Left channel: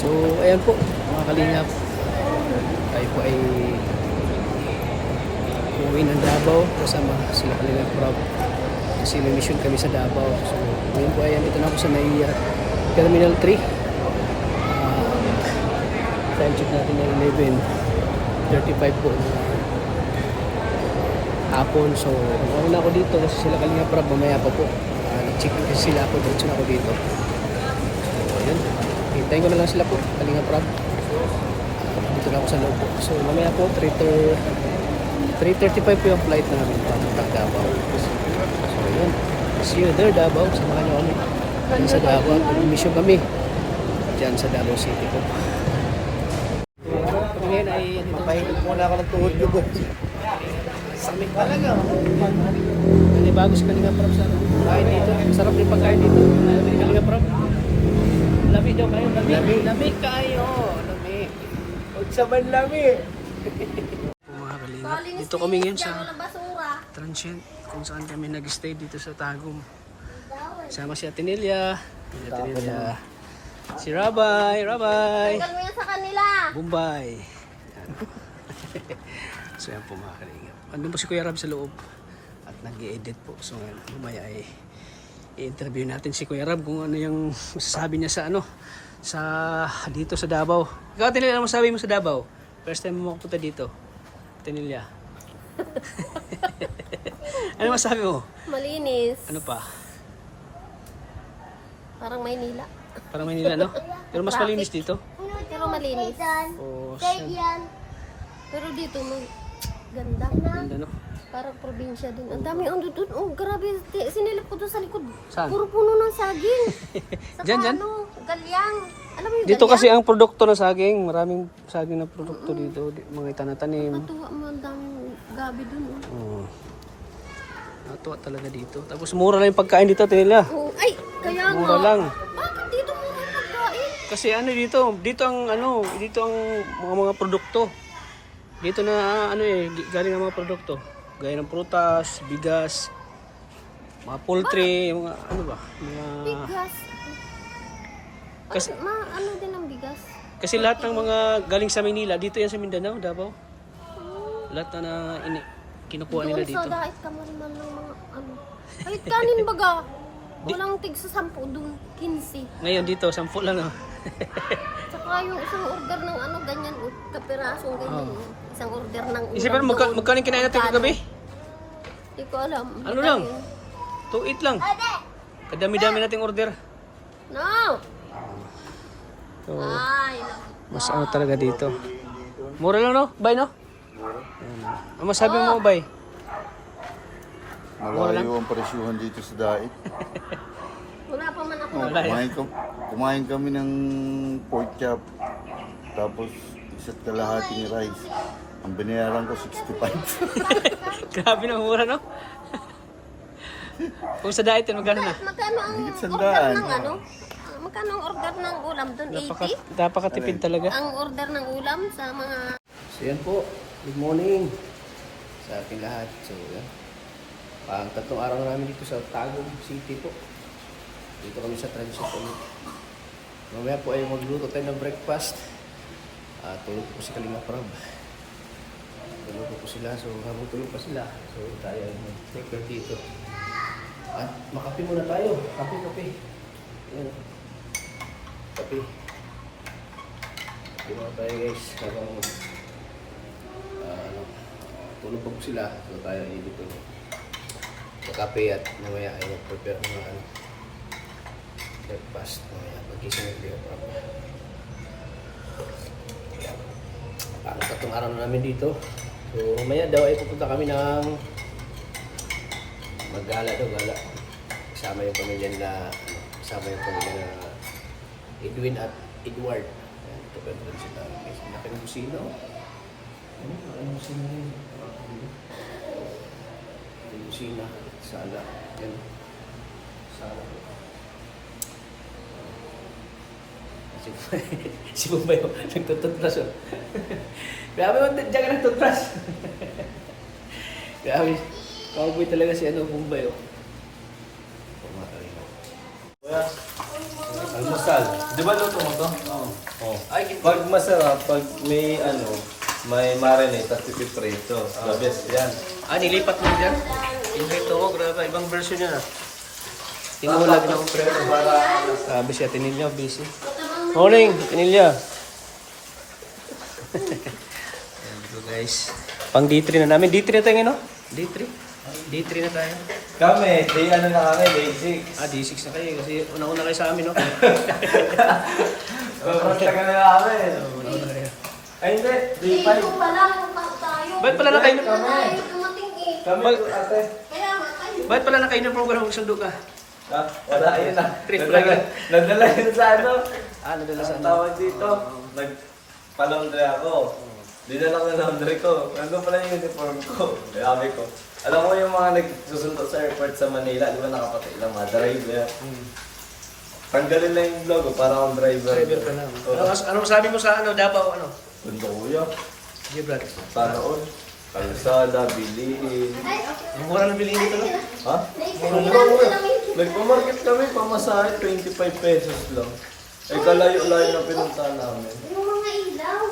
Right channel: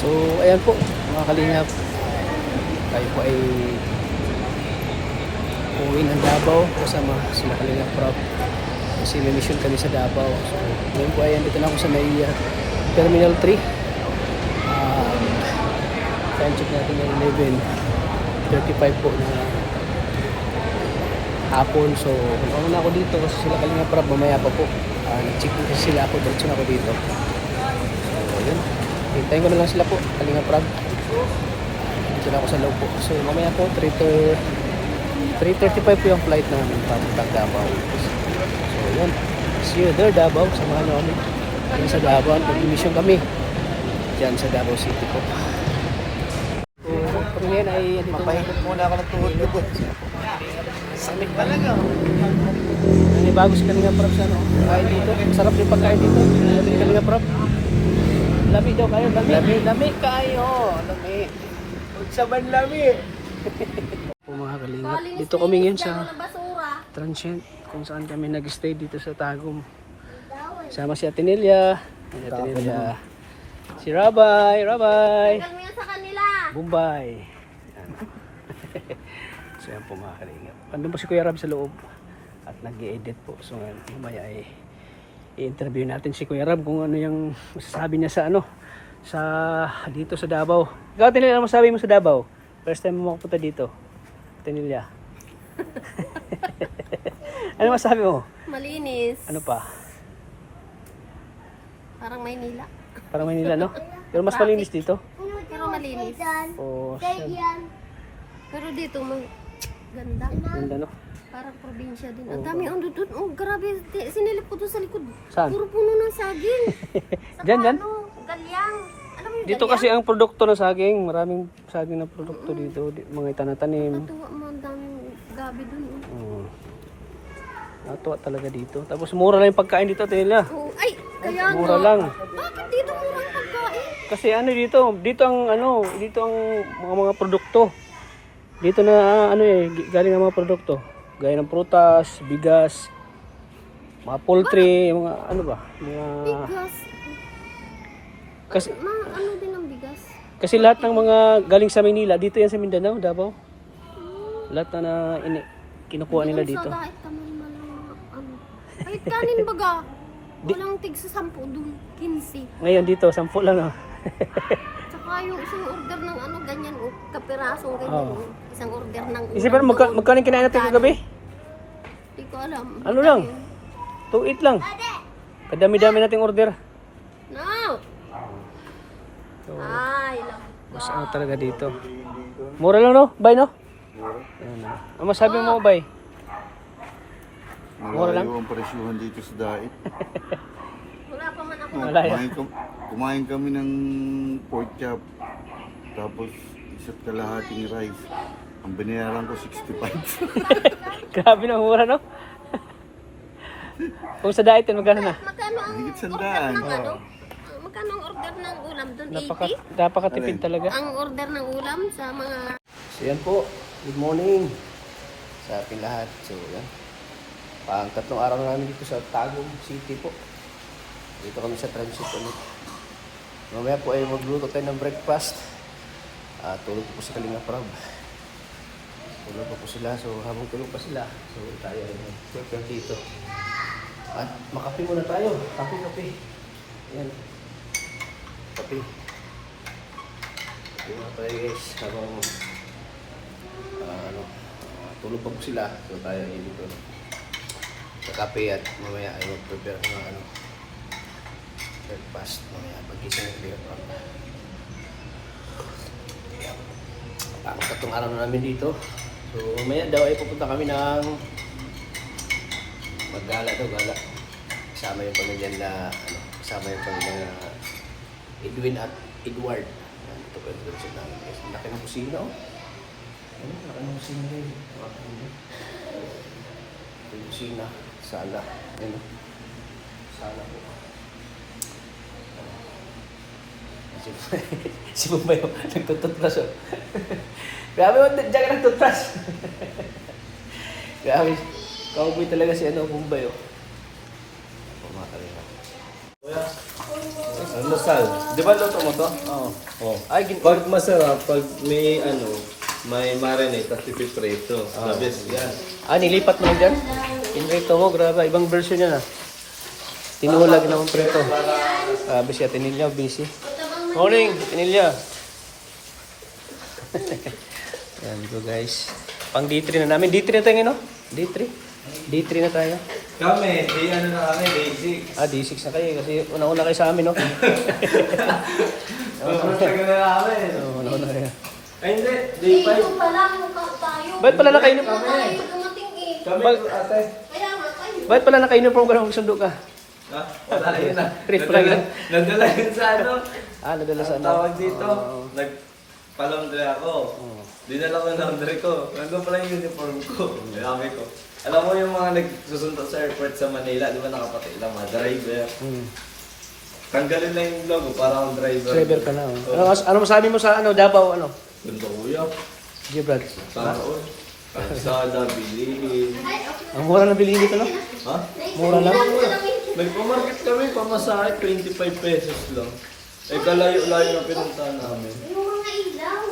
So ayan po mga kalingap, tayo po ay uuwi ng Davao kasama sila Kalingap Prab kasi may mission kami sa Davao. So ngayon po ayan, dito na ako sa may Terminal 3. Time check natin na 11:35 po na hapon. So ano na ako dito kasi sila Kalingap Prab mamaya pa po. Nag-check-in kasi sila ako, diretso na ako dito. So ayun, hintayin ko na lang sila po, Kalingap Prab. Dito na ako sa loob po. So mamaya po 3:35 po yung flight namin papuntang Davao. So yun, see you there Davao, samahan nyo kami dyan sa Davao. Mag-mission kami dyan sa Davao City po. So kami ngayon ay mapahilot muna ako ng tuhod lubot. Samik talaga. May bagos Kalingap Prab sa kain dito. Sarap din pagkain dito. Kalingap Prab. Lami daw kayo. Lami kayo. Lami. Huwag sa manlami. Mga Kalingap, dito kami ngayon sa Transient kung saan kami nag-stay dito sa Tagum. Sama si Atenelia, si Rabay, Bombay. Yan. So yan po mga Kalingap. Andun po si Kuya Rab sa loob at nag-i-edit po. So mamaya ay i-interview natin si Kuya Rab kung ano yung masasabi niya sa sa dito sa Davao. Ikaw Atenelia, ano masasabi mo sa Davao? First time mo makapunta dito. Atenelia. Ano masabi mo? Malinis. Ano pa? Parang Maynila. Parang Maynila, no? Pero mas malinis dito. Pero malinis. Oh, Pero dito may ganda. ganda, no? Parang probinsya din. Ang dami ang dudod. Oh, grabe. Sinilip ko doon sa likod. Saan? Puro puno ng saging. Saka Dyan? ano, galyang. Alam mo yung Dito galyang? kasi ang produkto ng saging. Maraming saging na produkto dito. Mga itanatanim. Natuwa mo ang daming gabi doon. Oh. Oh. Natuwa talaga dito. Tapos mura lang yung pagkain dito, Atenelia. Oh, ay, kaya Mura nga. lang. Bakit dito mura ang pagkain? Kasi dito ang mga produkto. Dito na galing ang mga produkto. Gaya ng prutas, bigas, mga poultry, mga Bigas. kasi Ano din ang bigas? kasi lahat ng mga galing sa Manila, dito yan sa Mindanao, Davao. Lahat na kinukuha nila dito. Doon sa dahit kami naman ng mga ano. Kahit kanin baga. Walang tig sa 10 doon. 15. Ngayon dito, 10 lang. Tsaka yung isang order ng ganyan, kapiraso, ganyan. Isang order ng ulam. Isipan mo, magkano yung kinain natin kagabi? Hindi ko alam. Ano lang? 2-8 lang. Kadami-dami nating order. No! So, Ay, mas talaga dito. Mura lang, no? Bay, no? Ayan, ang masabi mo, Bay? Mura lang? Malayo ang presyuhan dito sa Dait. wala pa man ako. Malaya. Kumain kami ng pork chop. Tapos isa't kalahating rice. Ang binayaran ko 65. Grabe na mura, no? Kung sa diet, magkano na? Magkano ang Higit order sandaan. ng Magkano ang order ng ulam doon? 80? Napakatipid talaga. Ang order ng ulam sa mga... So yan po, good morning sa ating lahat. So yan, pang 3 araw na namin dito sa Tagum City po. Dito kami sa Transit ulit. Mamaya po ay magluto tayo ng breakfast. Tulog po si Kalingap Prab. Tulog po sila, so habang tulog pa sila, so tayo ay mag-prepare dito. At makape muna tayo, kape. Yan, kape. Kape muna tayo guys, habang tulog pa po sila, so tayo ay dito sa kape at mamaya ay mag-prepare ng breakfast mamaya pag-gising ng Kalingap Prab. Ang 3 araw na namin dito. So mamaya daw ay pupunta kami ng maggala daw, gala. Kasama yung pamilya na Edwin at Edward. Yan, ito pa yung sila. Ang laki ng kusina, oh. Ano, laki ng kusina rin. Ito yung kusina. Sala. Ano? Sala. Si Bombay, oh, nagtututras, oh. Grabe mo, dyan ka nagtutras. Grabe. Cowboy talaga si Bombay, oh. Mga Kalingap. Almusal. Di ba luto mo to? Oo. Oo. Ay, Pag masarap, pag may may marinate at ipiprito. The best yan. nilipat mo na dyan? Pinrito mo, grabe. Ibang version yan ah. Tinulag na akong prito. Sabi si Atenilya, busy. Morning, Atenilya. Ayan so guys. Pang D3 na namin. D3 na tayo ngayon, no? D3? D3 na tayo. Kami, na kami, basic. D6 na kayo kasi una-una kayo sa amin, no? Tagal na namin. Una-una kayo. Ay, hindi. Eh, Day 5. ito pala, tayo. Bakit pala nakainip? Tayo, dumating eh. Kami, ate. Kaya nga tayo. Bakit pala naka-uniform ka na magsundo ka? Ha? Wala, yun na. Trip lang yan. Nadala yun sa ano. Nadala sa Ang tawag dito. Nagpalondre ako. Dinala ko yung laundry ko. Nandun pala yung uniform ko. Mayami ko. Alam mo yung mga nagsusundo sa airport sa Manila, di ba nakapatid lang mga driver. Tanggalin lang yung logo para akong driver. Driver ka na. Ano masabi mo sa Davao, ano? Ganda kuya. Sige, Brad. Sana all. Kalsada, bilihin. Ang mura na bilhin dito, no? Ha? Mura lang. Nagpamarket kami, pamasahe, 25 pesos lang. Eh, kalayo-layo na pinuntahan namin. Yung mga ilaw,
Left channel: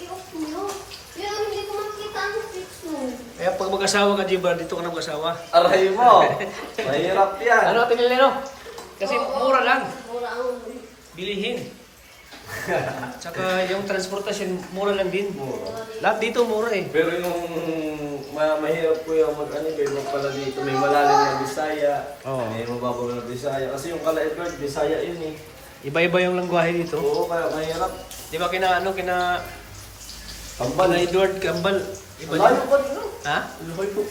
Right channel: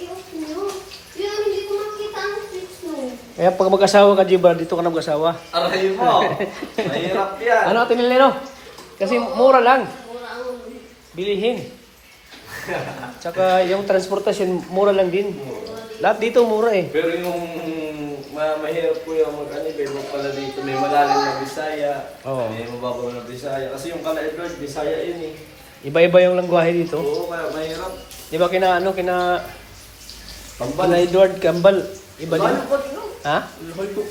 i-off nyo. Yun, hindi ko makikita ang switch mo. Kaya pag mag-asawa ka, G-Brad, dito ka na mag-asawa. Aray mo! Mahirap yan. Ano natin nila, no? Kasi mura lang. Mura ang... Bilihin. Tsaka yung transportasyon, mura lang din. Lahat dito mura eh. Pero nung mahirap ko yung mag-anibay, pala dito may malalim na Bisaya, Oo. may mababaw na Bisaya. Kasi yung Kala-Edward, Bisaya yun eh. Iba-iba yung langwahe dito. Oo, kaya mahirap. Di ba kina Edward Kambal? Iba din. Ha?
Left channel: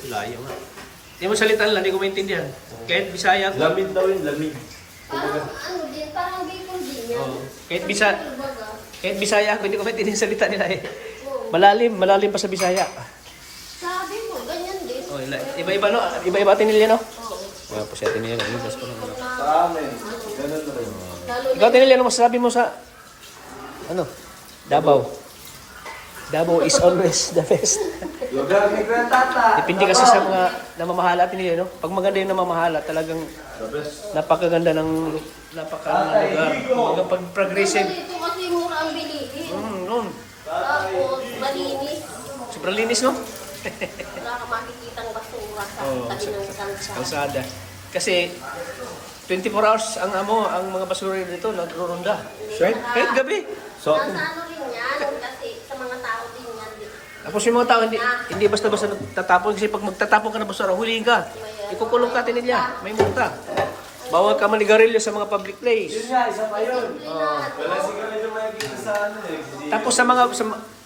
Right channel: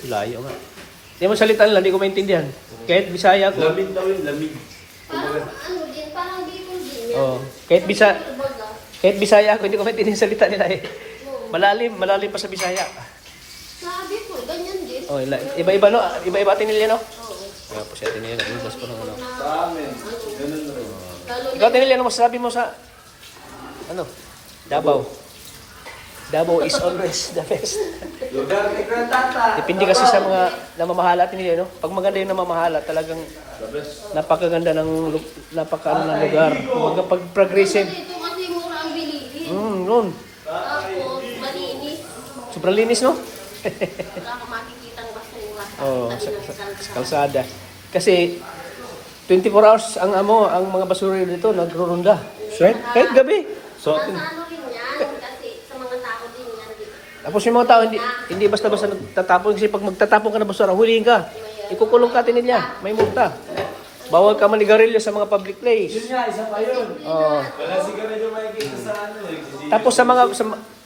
Layo nga. Di mo salita lang, di ko maintindihan. Kahit Bisaya ko. Lamig daw yung lamig. Parang ano din, parang dito din. Oo. Kahit Bisaya ako, hindi ko maintindihan salita nila eh. Malalim pa sa Bisaya. Sabi ko, ganyan din. Oh, iba-iba no? Iba-iba atin nila no? Tapos atin nila, magbas pa ng ano. Sa amin, ganun rin. Ikaw atin nila, ano masasabi mo sa Davao? Davao is always the best. Lugar ni Kuya Tata. Depende kasi sa mga namamahala atin nila, no? Pag maganda yung namamahala, talagang The best. napakaganda ng lugar. Pag progressive. Dito kasi mura ang bilihin. Yun. Tapos, malinis. Sobrang linis, no? Wala ka makikitang basura. Oo, sa kalsada. Kasi 24 hours ang mga basura dito nagrurunda. Kahit gabi. So, Sa ano rin yan, kasi sa mga tao din yan. tapos yung mga tao hindi basta-basta nagtatapon kasi pag magtatapon ka na basura, huliin ka. Ikukulong ka tinilya, may multa. Bawal ka manigarilyo sa mga public place. Yun nga, isa pa yun. Oo. Wala sigarilyo makikita sa ano eh. Tapos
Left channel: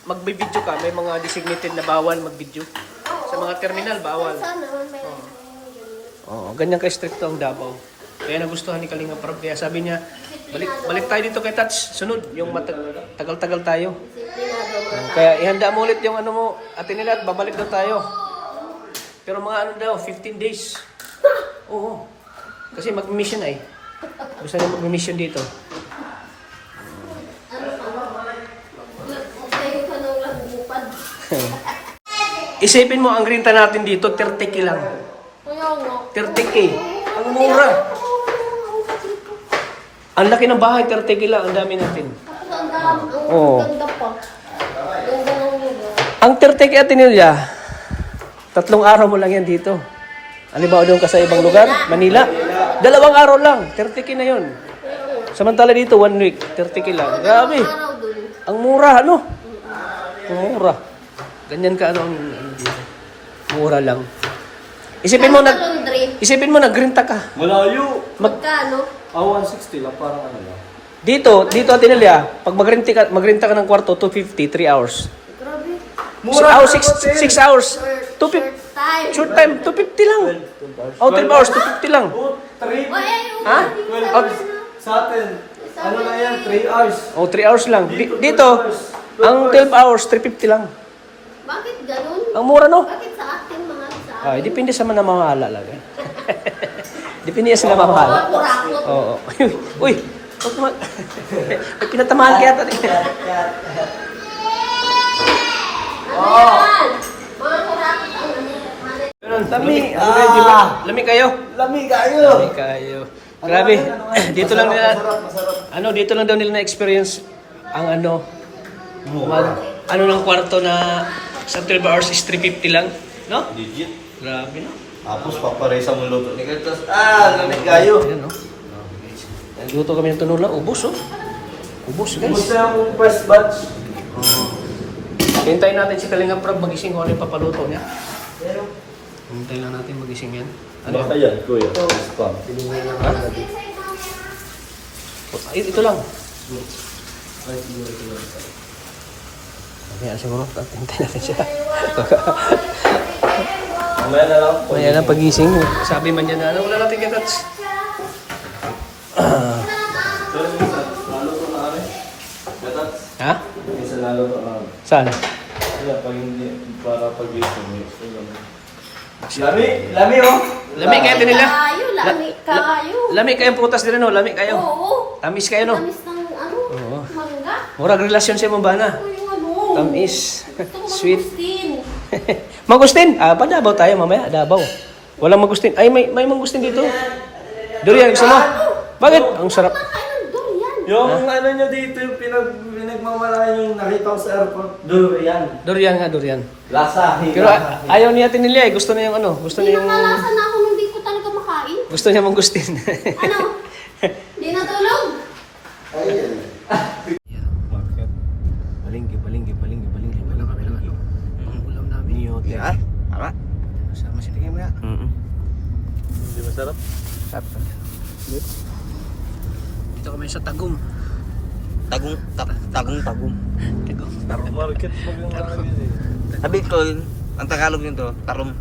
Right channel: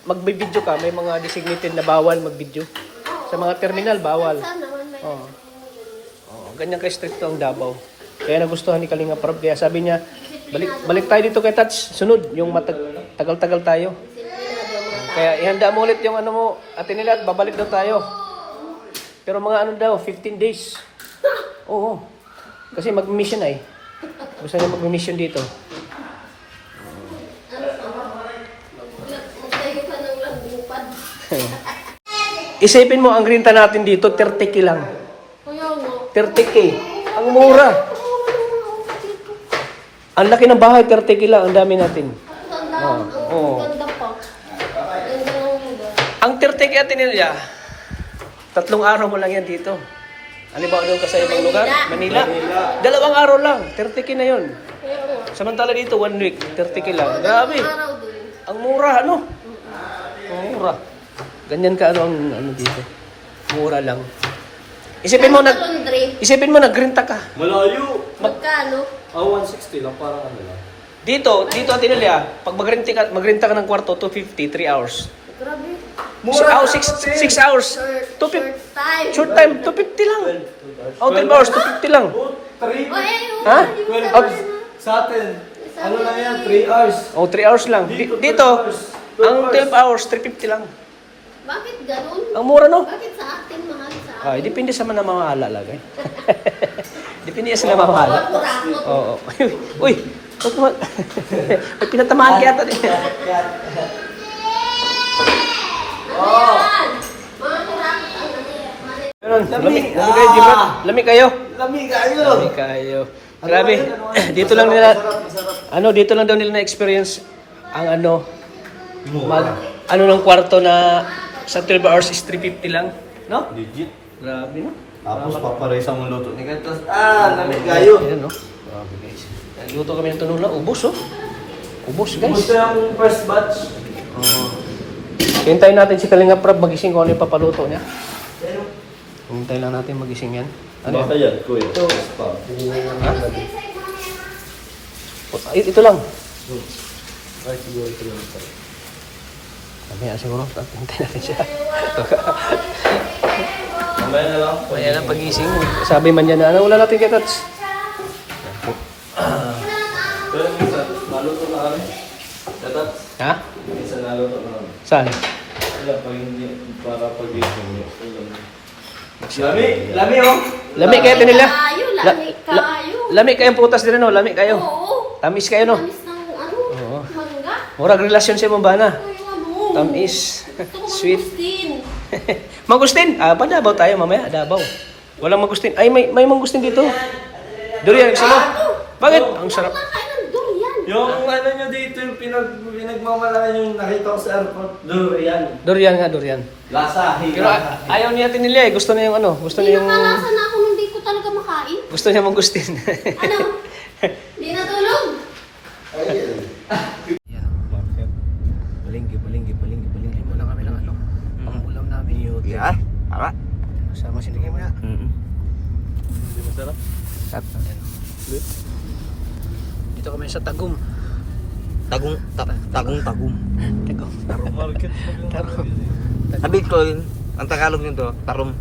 magbi-video ka, may mga designated na bawal mag-video. Sa mga terminal, bawal. Oo. Oo, ganyan ka-stricto ang Davao. Kaya nagustuhan ni Kalinga Prab. Kaya sabi niya, balik tayo dito kay Touch. Sunod, yung tagal-tagal tayo. Kaya ihanda mo ulit yung ano mo, atin nila at babalik daw tayo. Pero mga 15 days. Oo. Kasi mag-mission ay. Gusto niya mag-mission dito. Tayo pa ng lambupan. Isipin mo, ang renta natin dito, 30k lang. Kaya nga. 30k. Ang mura. Ang laki ng bahay, 30k lang. Ang dami natin. Oo. Ganda pa. Ganda ng lugar. Ang 30k at nila, 3 araw mo lang yan dito. Halimbawa doon ka sa ibang lugar, Manila. 2 araw lang, 30k na yun. Samantala dito, 1 week, 30k lang. Grabe. Araw dun. Ang mura, ano? Ang mura. Ganyan ka ang dito. Mura lang. Isipin mo nagrenta ka. Malayo. Magkano? 160 lang, parang ano. Dito atin nila, pag magrenta ka ng kwarto, 250, 3 hours. Grabe. 6 hours. 250. Time. Short time, 250 lang. 12 hours, 250 lang. Trip. Ha? 12 sa atin. Ano na yan? 3 hours. 3 hours lang. Dito, ang 12 hours, 350 lang. Bakit ganun? Ang mura, no? Bakit sa atin, mahal sa atin? Depende sa namamahala lagay. Depende sa namamahala. Kurakot. Oo. Uy, huwag mo. May pinatamahan kaya ito. Mga kurakot ang Lamig kayo, Jimmy. Lamig kayo. Lamig kayo. Lamig kayo. Grabe. Dito lang nila, Masarap. dito lang daw nila na-experience ang ng kwarto na sa 12 hours is 350 lang. No? Legit. Grabe, no? Tapos paparesa mo luto ni Gantos. Gamit kayo. Ayan, no? Grabe, guys. Luto kami ng tunula. Ubus, oh. Ubus, guys. Gusto yung first batch. Hintayin natin si Kalinga Prab magising kung ano yung papaluto niya. Hintayin lang natin magising yan. Ano Ano yan? yan, kuya? Spam. Ha? Ito lang. Mamaya siguro, hintayin natin siya. Mamaya na lang. Mamaya na pagising. Sabi man niya na, ano natin dyan, Tats? Pero minsan, naluto na kami. Datat, Ha? minsan naluto na kami. Saan? Kaya pag hindi, para pag-gising mo. Lami oh! Lami kayo nila. Tayo, lami tayo. Lami kayong putas din, no? Lami kayo. Oo. Tamis kayo, no? Tamis ng Oo. mangga. Murag relasyon sa mong bana. Yung Tamis. Gusto ko Sweet. mangustin. Mangustin. Padabaw tayo mamaya. Dabaw. Walang mangustin. Ay, may mangustin dito. Durian, gusto mo? Bakit? Ang sarap. Kumakain ng durian. Yung ano nyo dito, yung pinagmamalaki yung nakita ko sa airport. Durian. Durian nga, durian. Lasa, Pero ayaw niya nila eh. Gusto niya yung Gusto Hindi niya yung... nakalasa na ako nung di ko talaga makain. Gusto niya mangustin. Ano? Di natulog? Palinggi. Wala kami ng pangulam namin. Ha? Tama? Sama si Tingin mo nga. Masarap. Dito kami sa Tagum. Tagum. Tarong market. Sabi ko yun, ang Tagalog yun to, tarong.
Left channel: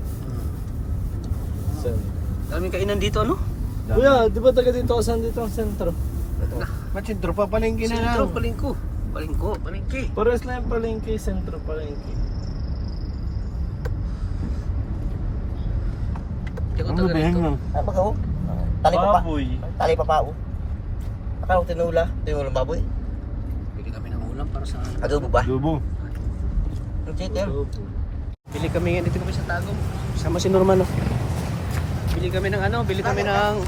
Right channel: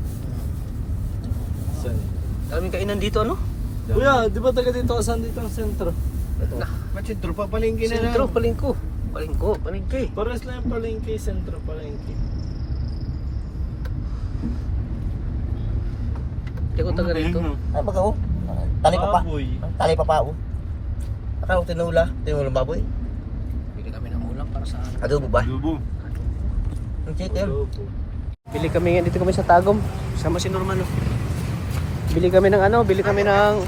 Daming kainan dito, ano? Kuya, di ba taga dito ka saan dito ang sentro? Magsintro pa palengke na yan. Sentro, palingko. Palingki. Pares lang yung palengke, sentro palengke. Hindi ko taga rito. Ay, bago. Tali pa pa. Baboy. Tali pa pa. Akala ko tinulang baboy. Bili kami ng ulam para sa Adobo ba? Lubo. Yung chicken. Bili kami dito kami sa Tagum. Sama si Norman, oh. Bili kami ng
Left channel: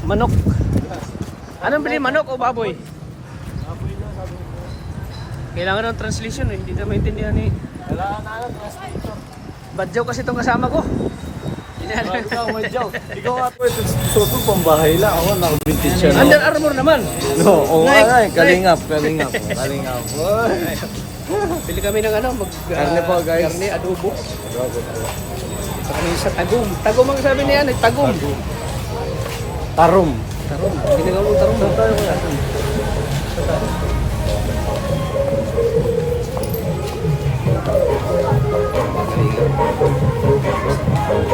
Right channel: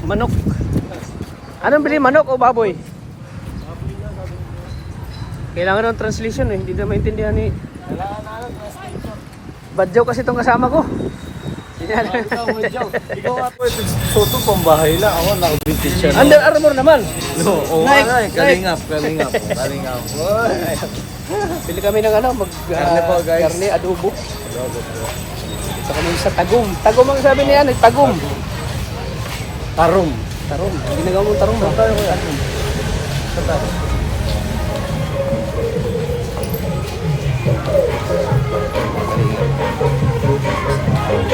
manok. Anong bili, manok o baboy? Kailangan ng translation eh, hindi na maintindihan ni... Badyaw kasi itong kasama ko. Ikaw nga po ito. Toto pambahay lang. Ako naka-vintage siya. Under Armour naman. Oo, Nike. Kalingap. Bili kami ng Karne po, guys. karne, adobo. Dito kami sa Tagum. Tagum ang sabi niya, Tagum. Tarom. Tarom. Ginagawa mong tarong. Saan tayo kuya? Saan tayo?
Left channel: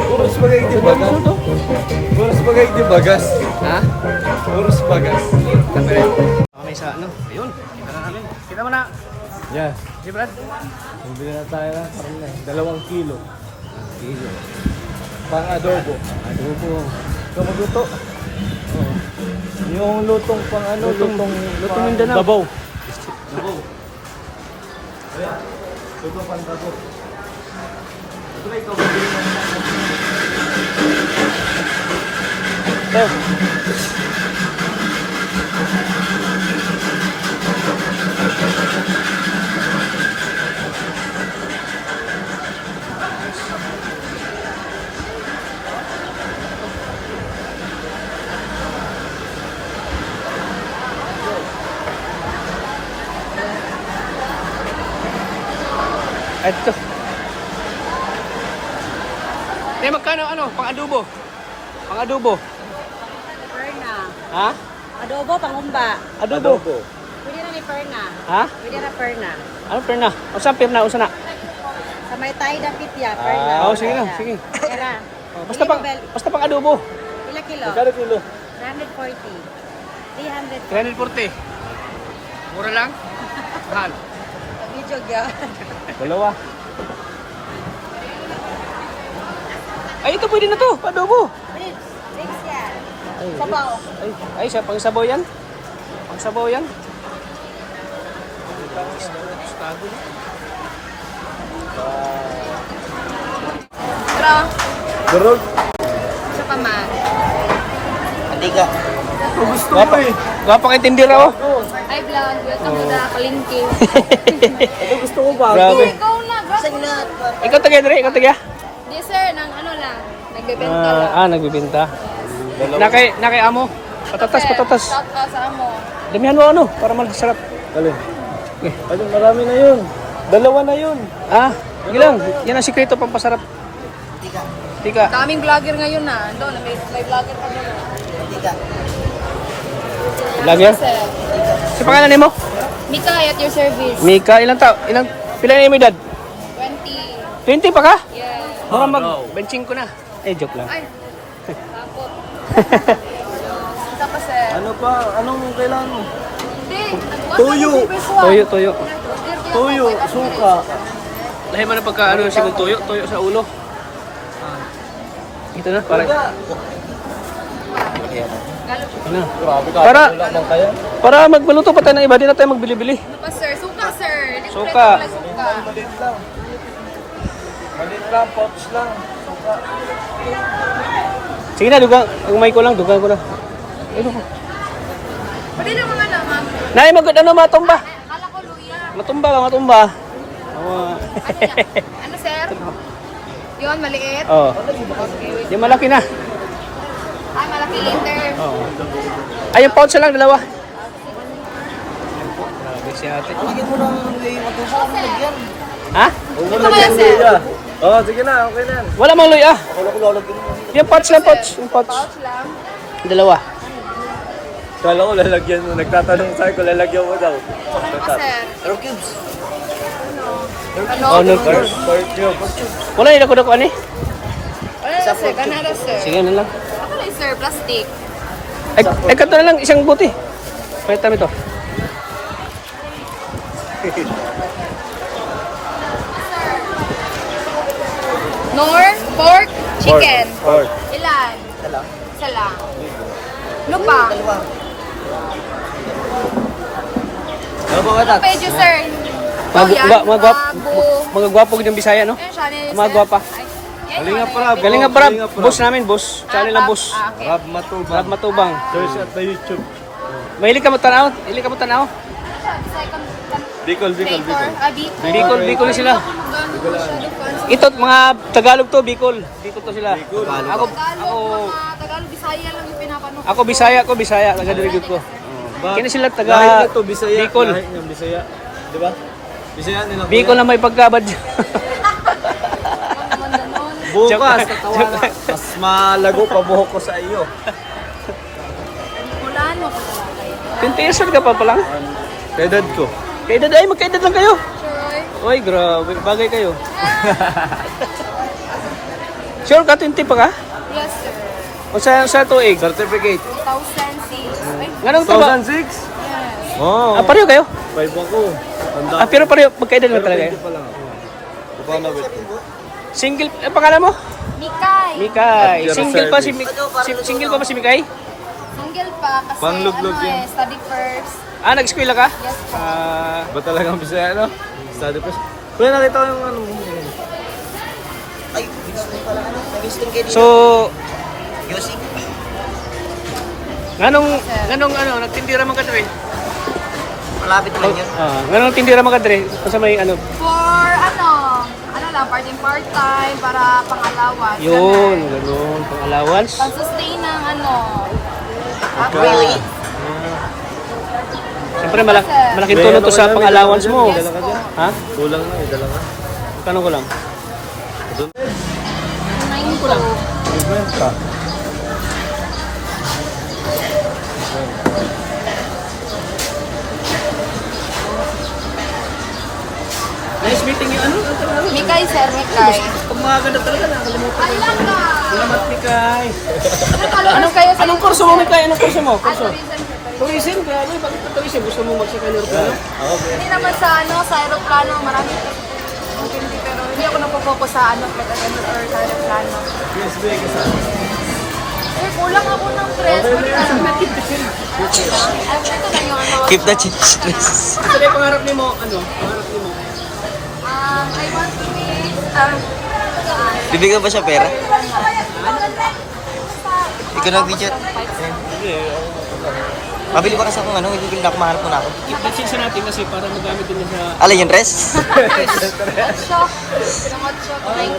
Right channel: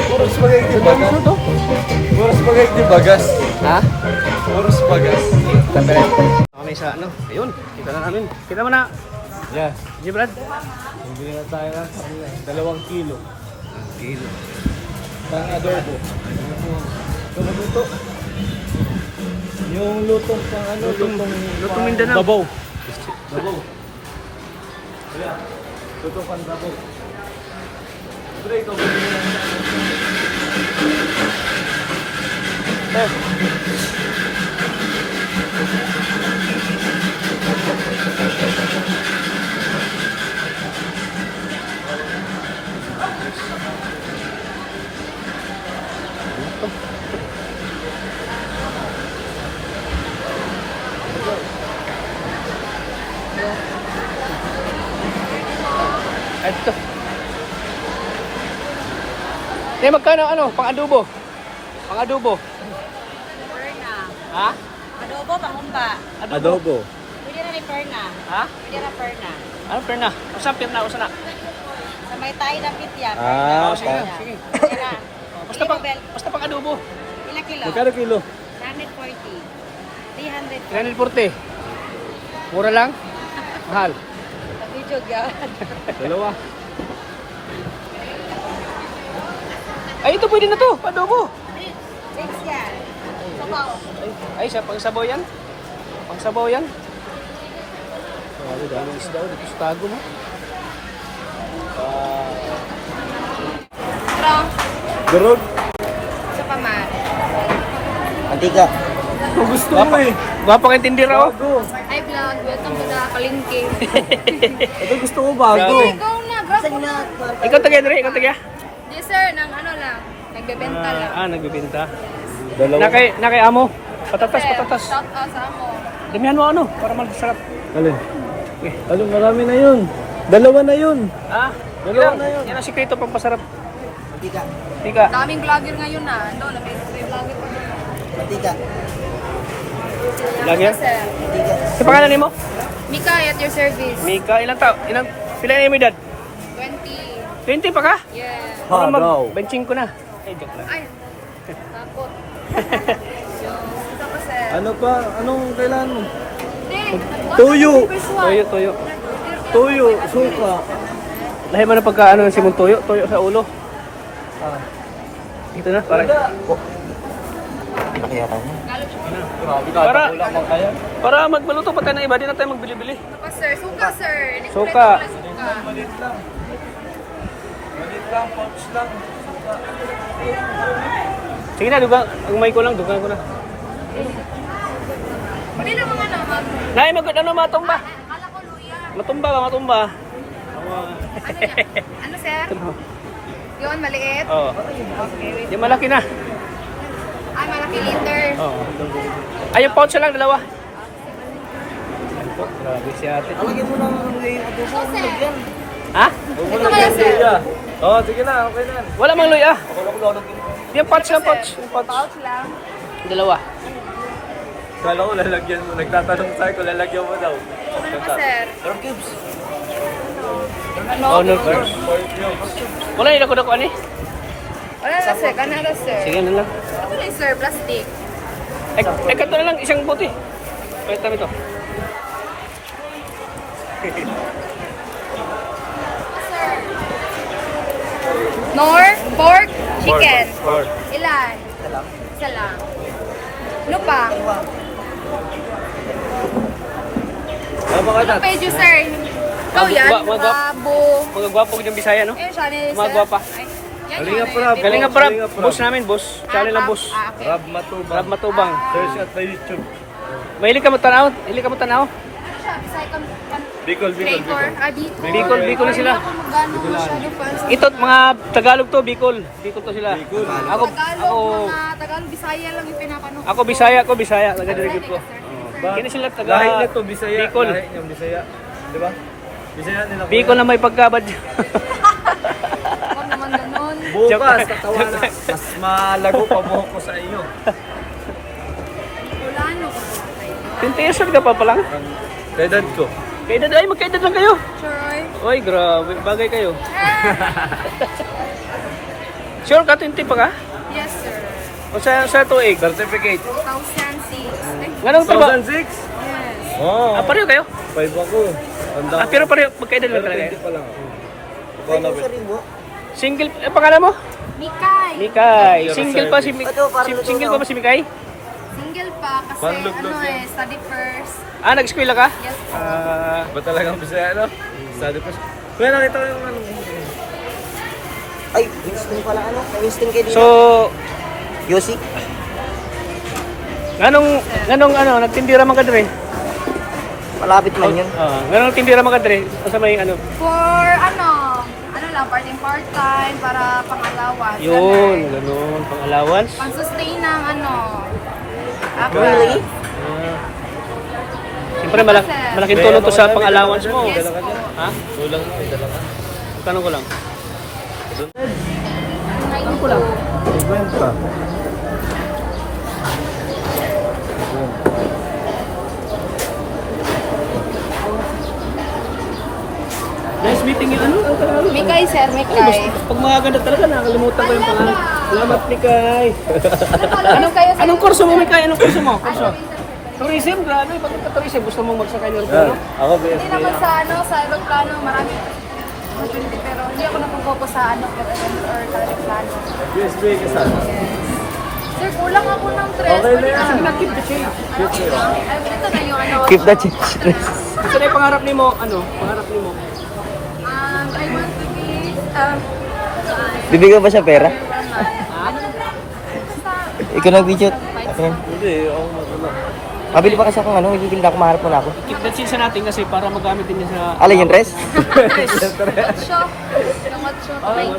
Puro spaghetti bagas. Puro spaghetti bagas. Ha? Puro bagas. Kami rin. Kami sa ayun. Kita na namin. Kita mo na. Yeah. G Brad. Bumili na tayo ng 2 kilo. Kilo. Pang adobo. Adobo. Ito magluto. Yung lutong pang Lutong Mindanao. Babaw. Babaw. Ayan. Lutong pang babaw. Ito ikaw bibili na Ito. Ito. May magkano pang-adobo? Pang-adobo. Perna. Ha? Adobo, pangumba. Adobo. Pwede na ni Perna. Ha? Pwede na Perna. Ano perna? Usa perna, usa na. Sa may tayo ng pitya, Perna. Oh, sige, sige. Pera. Basta pang-adobo. Ilang kilo? Magkano kilo? 140. 300. 240. Mura lang? Mahal. Video yan. Dalawa. Ay, ito pwede na to. Adobo. Thanks yan. Sabaw. Ay, sa pang-sabaw yan. Pang-sabaw yan. Ay, dami isda dito sa tago mo. Pero, Durog. ito pa ma. Hindi ka. Gusto mo eh. Gwapang intindira oh. Ay, vlog. Welcome to the Kalingki. Ito gusto mo ba? Grabe. Ikaw na, grab mo na. Ikaw taga dire, ikaw taga. Yes, sir. Nang ano lang. Nagbebenta lang. Nagbibenta. Nakay amo. Patatas. Shout out sa amo. Damihan mo ano para magsarap. Ano, marami na yun. Dalawa na yun. Wag lang. Yan ang sikreto pampasarap. Tika. Daming vlogger ngayon na. Doon, may vlogger pa doon. Vlogger? Sir. Sa pangalan nimo? Mika, at your service. Mika, pila na yung edad? 20. 20 pa ka? Yeah. Baka mag-benching ko na. Joke lang. Ay, takot. Tapos, sir. Ano pa? Anong kailangan mo? Tuyo. Toyo. Tuyo, suka. Lahi mo na pagka si mong toyo sa ulo. Ito na, para. Para magmaluto pa tayo ng iba, di na tayo magbili-bili. Tapos, sir. Suka, sir. Suka. Sige na, umay ko lang, dugan ko na. Pwede na mga naman. Nay, matumba. Akala ko luya. Matumba. Ano, sir? Yun, maliit. Oh. Okay, wait. Yung malaki na. Malaki liter. Oo. Ay, yung pouch lang, dalawa. Grabe si ate. Ha? Ito kaya, sir. Oo, sige na, okay na. Wala mang luya. Yung pouch lang, pouch. Yung pouch. Pouch lang. Dalawa. Kala ko lalagyan mo. Nagtatanong sa'yo kung lalagyan mo daw. Ano pa, sir? Oh, no. Wala yung dako-dako ani? Wala na, sir. Kanara, sir. Sige na lang. Ako lang, sir. Plastic. Ay, kato na lang, isang buti. Palitan mo ito. Sir. Nor, pork, chicken. Ilan? Isa lang. Ano pa? Ano pa yun, sir? Ikaw yan, babo. Mga gwapo yung Bisaya, no? Ayun, siya nila, Mga sir. gwapa. Ay, yan, Galing nga pala. Galing nga para, boss namin, boss. Channel lang, boss. Okay. Rab Matubang. Rab Matubang. Search at the YouTube. Mahilig ka mo tanaw? Hilig ka mo tanaw? Ano siya? Bisaya Bicol. Bicol. Bicol. Bicol sila. Gano'n masyado fancy. Ito, mga Tagalog to, Bicol. Bicol to sila. Ako, Tagalog, mga Tagalog, Bisaya lang yung pinapanood. ako Bisaya. Taga-dirigod ko. Kini sila Kahit taga na to, Bisaya. Bicol. Kahit na Bisaya. Di ba? Bisaya nila. Bicol na may pagkabad. Ako naman ganon. Bukas, tatawa na. Mas malago pa buhok ko sa iyo. Ulano ko pala kayo. 20 years old ka pa lang? Pedad ko. Kaedad, ay magkaedad lang kayo. Troy. Oy, grabe, bagay kayo. Sure ka, 20 pa ka? Yes, sir. O sa tuig? Certificate. 2006. Ay, Ganong trabaho? 2006? yes. Oo. Pareho kayo? 5 ako. Tanda. Pero pareho, magkaedad lang talaga. Ito pa lang. Ito na wait. Single, pangalan mo? Mikay. Mikay. Single pa single pa ba si Mikay? Single pa kasi Pangluglog ano yan. study first. Nag-eskwela ka? Yes po. Ba talagang Bisaya, no? Study pa siya. Kuya, nakita ko yung ano. So, Ganong nagtindira man ka dre? Malapit lang yun. Ganong tindira man ka dre? Kasi may ano? For ano lang, part-time para pang-allowance. Yun, ganon, pang allowance. Pang-sustain ng Really? Siyempre malaking tulong to sa pang allowance mo. Yes po. Ha? Kulang na, dalawa. Tanong ko lang. Ko lang. Kwenta. Nice meeting yung ano? Mikay, sir. Mikay. Pag mga ganda talaga, nakalimutan ko yung pangalan. Salamat, Mikay. Anong kayo, sir? Anong kurso mo, Mikay? Anong kurso mo? Kurso? Tourism, grabe. Bakit ka tourism? Gusto mo magsakay ng aeroplano? Ako, Hindi naman sa sa aeroplano, marami. Pero hindi ako napopokus sa aeroplano. USB ka sa Sir, kulang ako ng press. Sige na, keep the change. Ito na yung Keep the change, please. Ito na yung pangarap ni mo, pangarap ni mo. I want to be, Bibigyan ba siya pera? Ikaw na, Pidget. Mabili pa kasi akong ano, bibili na ako, maharap mo na ako. Keep that sinsa natin kasi para magamit din niya sa... Alin yung dress? Hot shop. Hot shop. Thank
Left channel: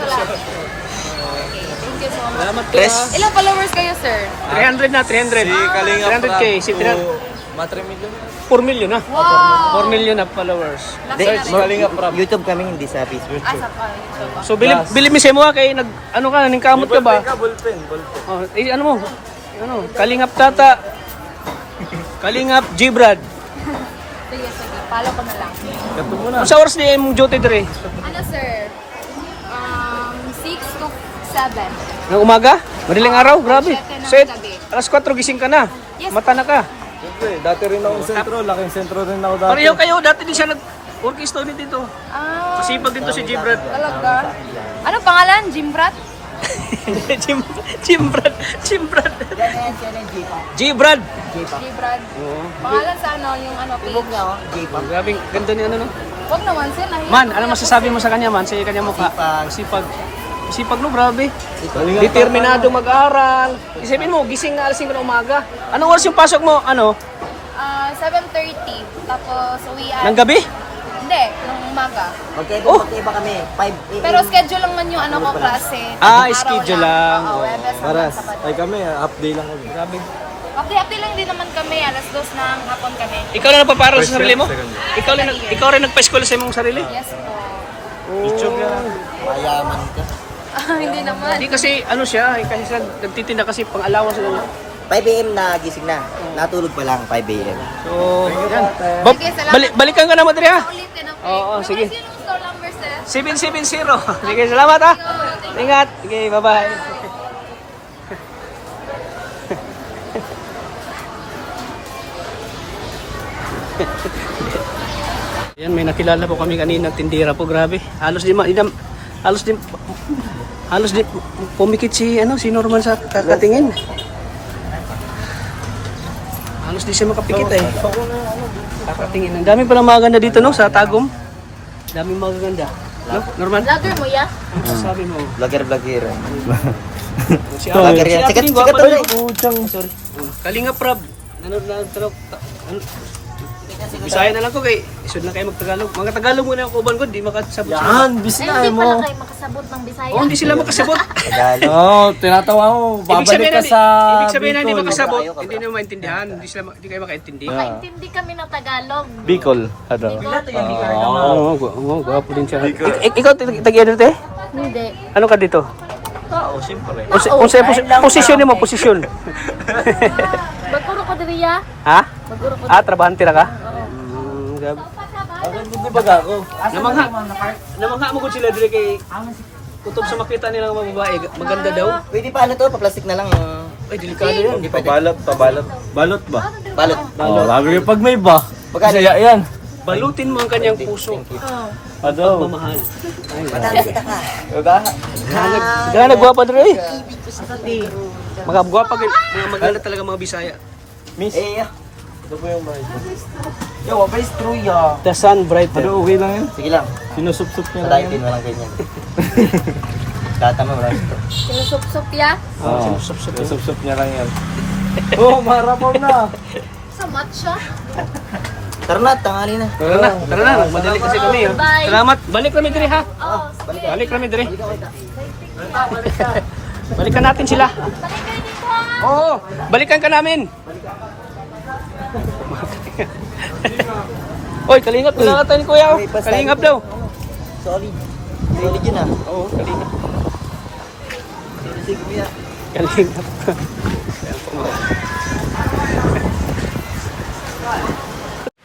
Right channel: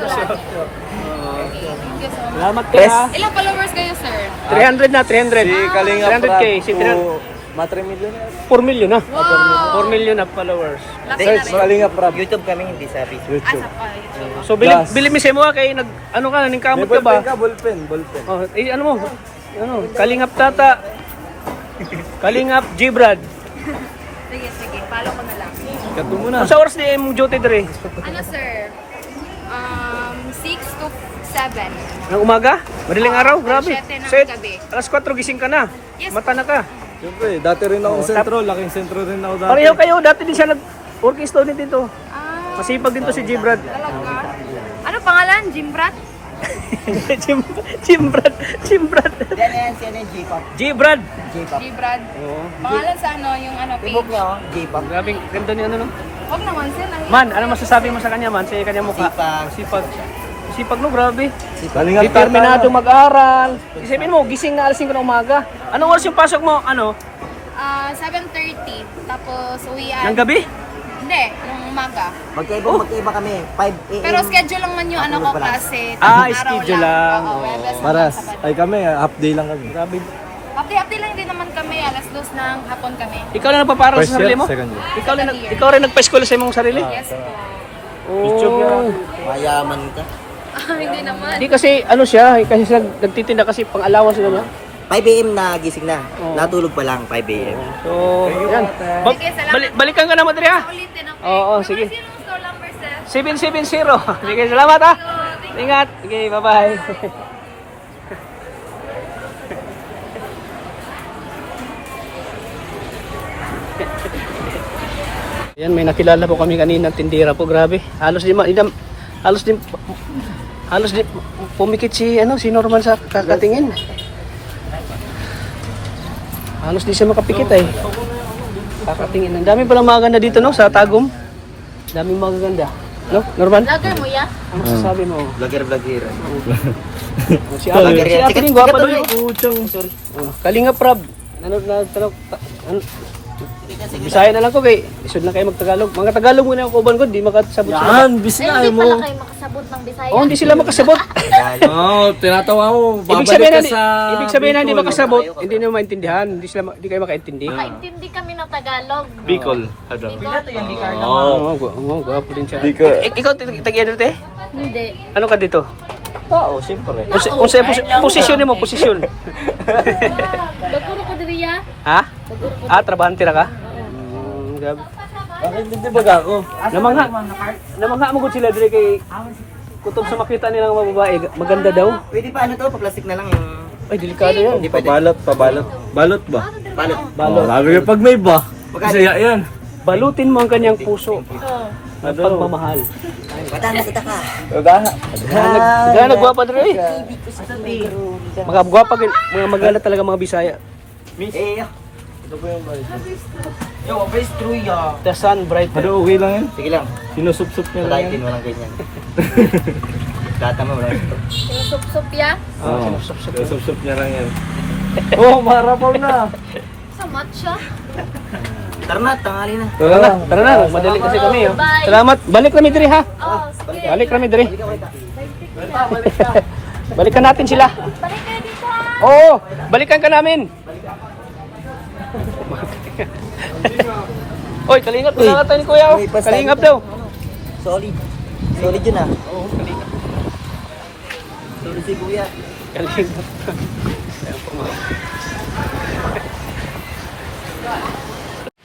you. Thank you so much. Salamat ka. Dress? Ilang followers kayo, sir? 300 na, 300. 300k. Si 4 million na. Wow. 4 million na followers. YouTube kami, hindi sa Facebook. Asa pa, YouTube. So bili mi sa mo kay nag ano ka ning kamot ka ba? Oh, ano mo? Ano, Kalingap Tata. Kalingap Gibrad. Sige, follow ko na lang. Kato mo na. Sa oras ni imong duty dire? Ano, sir? 6 to 7. Ng umaga? Madaling araw? Grabe. 7 ng Set. gabi. Alas 4 gising ka na. Yes. Mata na ka. Siyempre, dati rin ako sentro. Laking sentro rin ako dati. Pareho kayo, dati din siya nag-working student dito. Masipag din to si Gibrad. Talaga? Ano pangalan? Jimbrat? Gibrad. Gibrad. Jibrad. Oo. Pangalan sa ano, yung ano, page? Grabe, ganda ni ano no. Huwag naman, sir. Man, ano masasabi mo sa kanya man? Sa kanya mukha. Masipag. Masipag no, grabe. Determinado mag-aral. Isipin mo, gising na alas 5 ng umaga. Anong oras yung pasok mo? Ano? 7:30. Tapos uwian. Ng gabi? Hindi, ng umaga. Magkaiba kami. 5 Pero schedule lang man yung ano ko klase. Ah, Araw schedule lang. Oo, Oo. Webes hanggang Paras. Sabado. Ay kami, half day lang kami. Grabe. Hati-hati lang din naman kami. Alas 2 ng hapon kami. Ikaw lang nagpaparal sa sarili mo? Ikaw rin nagpa-school sa imong sarili? Yes po. Oh. Mayaman ka. Hindi naman. Hindi kasi ano siya, kasi sila nagtitinda kasi pang-alawan sila niya. 5 a.m. na gising na. Natulog pa lang, 5 a.m. So, yan. Balikan ka naman diri ha. Ulitin ako. Oo, sige. Sino ang store number, sir? 770. Sige, salamat ha. Ingat. Sige, bye-bye. Yan, may nakilala po kami kanina, tindira po, grabe. Halos di pumikit si Norman sa kakatingin. Halos di siya makapikit eh. Kakatingin. Ang dami palang maganda dito no sa Tagum. Daming magaganda. No, Norman? Lager mo, ya? Ano masasabi mo? Vlogger. Si Ate din gwapa doon. Kalinga Prab. Bisaya na lang ko kay isod na kayo magtagalog. Mga Tagalog muna ang kuban ko, di makasabot sila. Yan, bisaya Hindi mo. pala kayo makasabot ng Bisaya. Oh, hindi sila makasabot. Oo, tinatawa mo. Babalik ka sa... Ibig sabihin na hindi Bicol. makasabot, hindi na maintindihan, hindi kayo makaintindi. Makaintindi kami ng Tagalog. Bicol. Ano? Oo, gwapo din siya. Ikaw tag-edit eh? Hindi. Ano ka dito? Oo, siyempre. Posisyon mo, posisyon. Baguro ko diri, ya? Ha? Baguro ko. Trabahante na ka? Grabe. Bakit hindi ba ako? Namangha mo gud sila dili kay kutob sa makita nilang mga babae, maganda daw. Pwede pa ano to, pa-plastic na lang yung... Ay, delikado yan. Pabalot. Balot ba? Balot. Balot. Sabi ko, pag may ba? Bisaya yan. Balutin mo ang kanyang puso. Ang pagmamahal. Matalas ita ka. Gana gwapa dre. Mga gwapa mga magala talaga mga Bisaya. Miss. Ito po yung balik. Yo, face true ya. The sun bright. Ano, okay lang yan? Sige lang. Sinusup-sup niya lang yan. Lighting mo lang ganyan. Tatama mo lang. Sinusup-sup, ya? Oo, sinusup-sup niya lang yan. Oh, marapaw na. Sa matcha. Tara na, tangali na. Tara na, madali kasi kami. Oh. Salamat. Balik kami diri ha. Balik kami diri. Balikan natin sila. Oo, balikan ka namin. Oy, kalingap na natin kuya. Oh. Kalingap daw. Solid. Solid yun ah. Oo, kalingap. Solid kuya. Kalingap. Ayan po mga.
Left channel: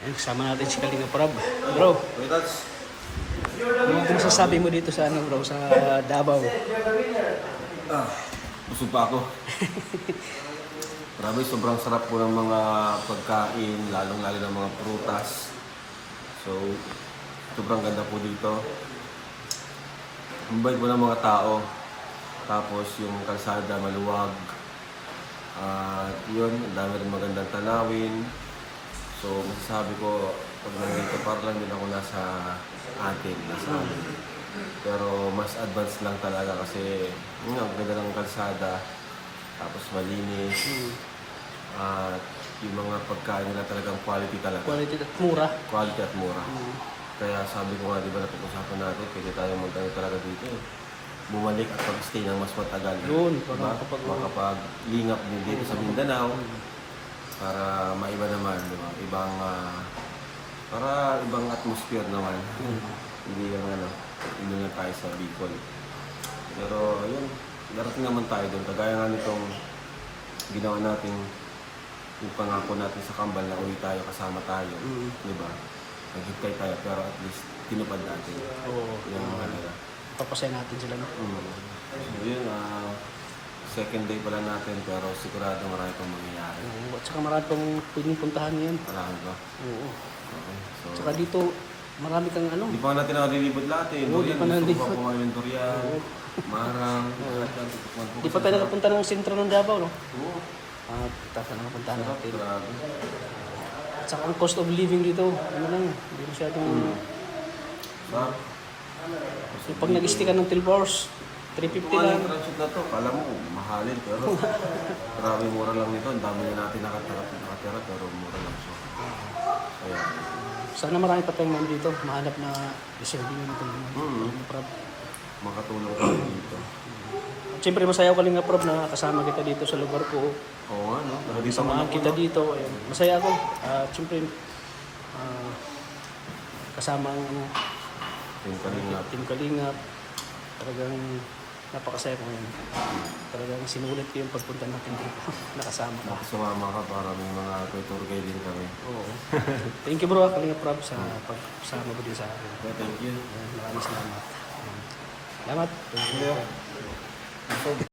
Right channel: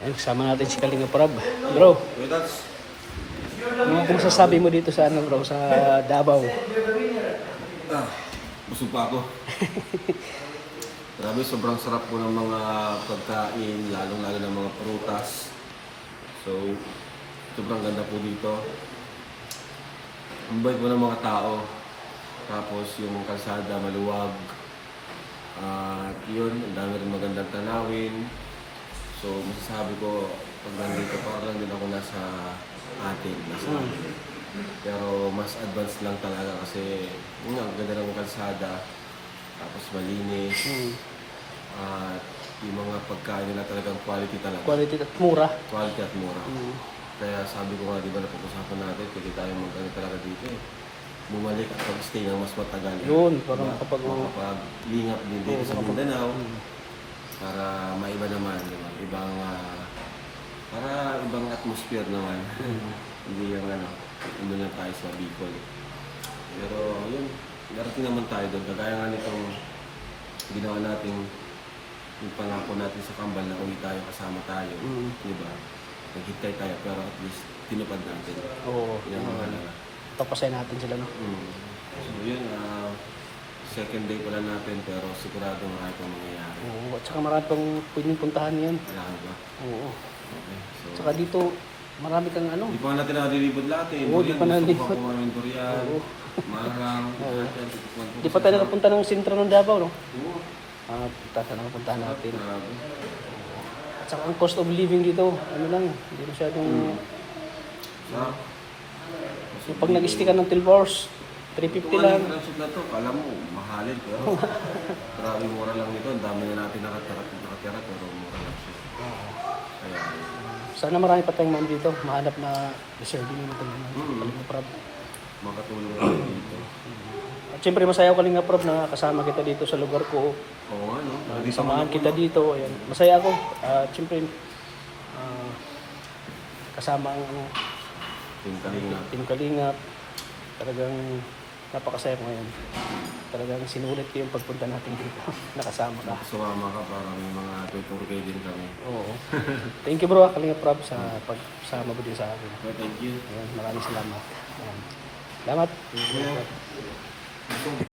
Ayan, kasama natin si Kalingap Prab. Bro, ano kung sasabi mo dito sa ano bro, sa Davao? Busog pa ako. Grabe, sobrang sarap po ng mga pagkain, lalong-lalo ng mga prutas. So, sobrang ganda po dito. Ang bait po ng mga tao. Tapos yung kalsada maluwag. At yun, ang dami rin magandang tanawin. So, masasabi ko, pag nandito para lang din ako nasa atin, nasa amin. Pero mas advanced lang talaga kasi yun, ang ganda ng kalsada. Tapos malinis. At yung mga pagkain nila talagang quality talaga. Quality at mura. Quality at mura. Kaya sabi ko nga, di ba napag-usapan natin, pwede tayo magdano talaga dito eh. Bumalik at pag-stay ng mas matagal. Yun, para Diba? makapag- Makapag-lingap din dito sa Mindanao. Para maiba naman, di ba? Para ibang atmosphere naman. Hindi yung hindi na tayo sa Bicol. Pero ayun, narating naman tayo doon. Kagaya nga nitong ginawa natin, yung pangako natin sa Kambal na uwi tayo, kasama tayo. Di ba? Naghintay tayo, pero at least tinupad natin. Oo. Yan ang malaga. Papasaya natin sila, no? So yun, second day pala natin, pero sigurado marami pang mangyayari. Oo. At saka marami pang pwedeng puntahan yan. Marami ba? Oo. Okay. So, Saka dito, marami kang ano. di pa natin nakalilibot lahat eh. Oo, di pa nalilibot. Gusto ko kumain ng durian, marang, lahat ng tutukman ko. Di pa tayo nakapunta ng sentro ng Davao, no? Oo. Punta na napuntahan natin. Grabe. At saka ang cost of living dito, ano lang, hindi masyadong... Sarap. Yung pag nag-stay ka ng 12 hours, 350 lang. Ang transit na to, kala mo, mahalin, pero grabe mura lang nito. Ang dami na natin nakatira, pero mura lang siya. Kaya, Sana marami pa tayong ma'am dito, mahanap na deserving na itong Kalinga Prab. makatulong kami dito. At siyempre masaya ako Kalinga Prab na kasama kita dito sa lugar ko. Oo nga, no? Lagi sa Samahan kita dito. Ayan. Masaya ako. At siyempre, kasama ang Yung kalinga. Team Kalingap. Talagang napakasaya ko ngayon. Talagang sinulit ko yung pagpunta natin dito. Nakasama ka. Sumama ka para may mga tutur kayo din kami. Oo. Thank you bro, Kalinga Prab sa pagsama mo din sa akin. Okay, thank you. Ayan, maraming salamat. Ayan. Salamat.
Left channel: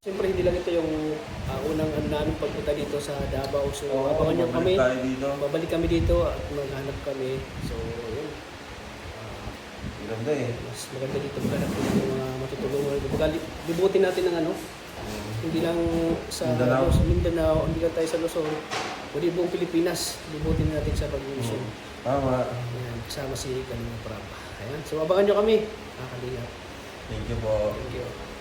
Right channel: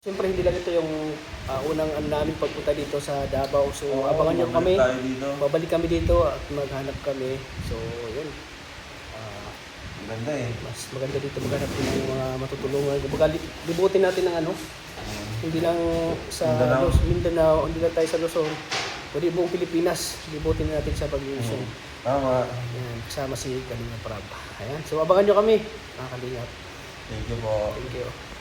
Siyempre hindi lang ito yung unang namin pagpunta dito sa Davao. So abangan niyo kami. Tayo dito. Babalik kami dito at maghanap kami. So yun. Ganda eh. Mas maganda dito maghanap din ng mga matutulungan. Kumbaga libutin natin ng ano. Hindi lang sa Mindanao, hindi lang tayo sa Luzon. Kundi buong Pilipinas. Libutin natin sa pag-iisyon. Tama. Ayan, kasama si Kalinga Prab. Ayan. So abangan niyo kami. Kalinga. Thank you po. Thank you.